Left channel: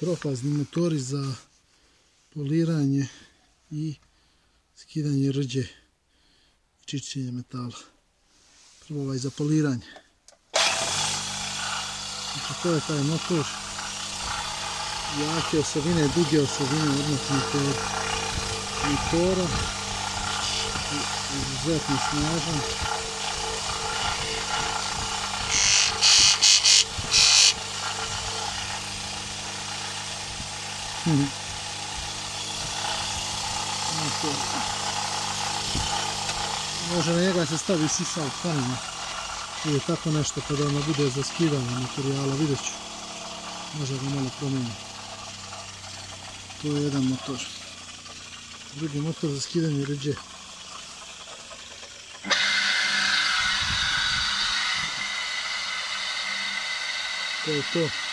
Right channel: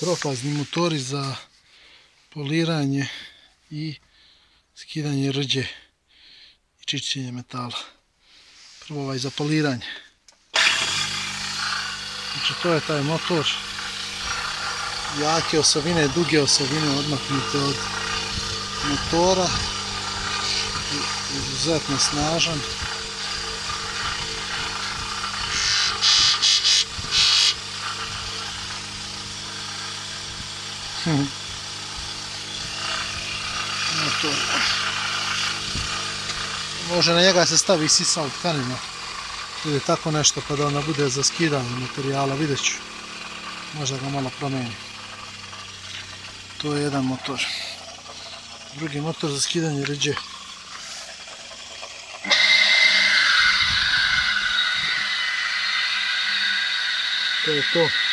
trofazni motori za poliranje i skidanje rđe i čišćenje metala. Prvo ovaj za poliranje. Znači to je taj motor. Jake osobine, duge osobine odmaknute od motora. Izuzetno snažan. Motor. Može na njega se stavi sisal tkanina ili tako nešto kada ona bude za skidanje materijala, vidjet ću. Možda ga malo promijeni. To je jedan motor. Drugi motor za skidanje rđe. To je to.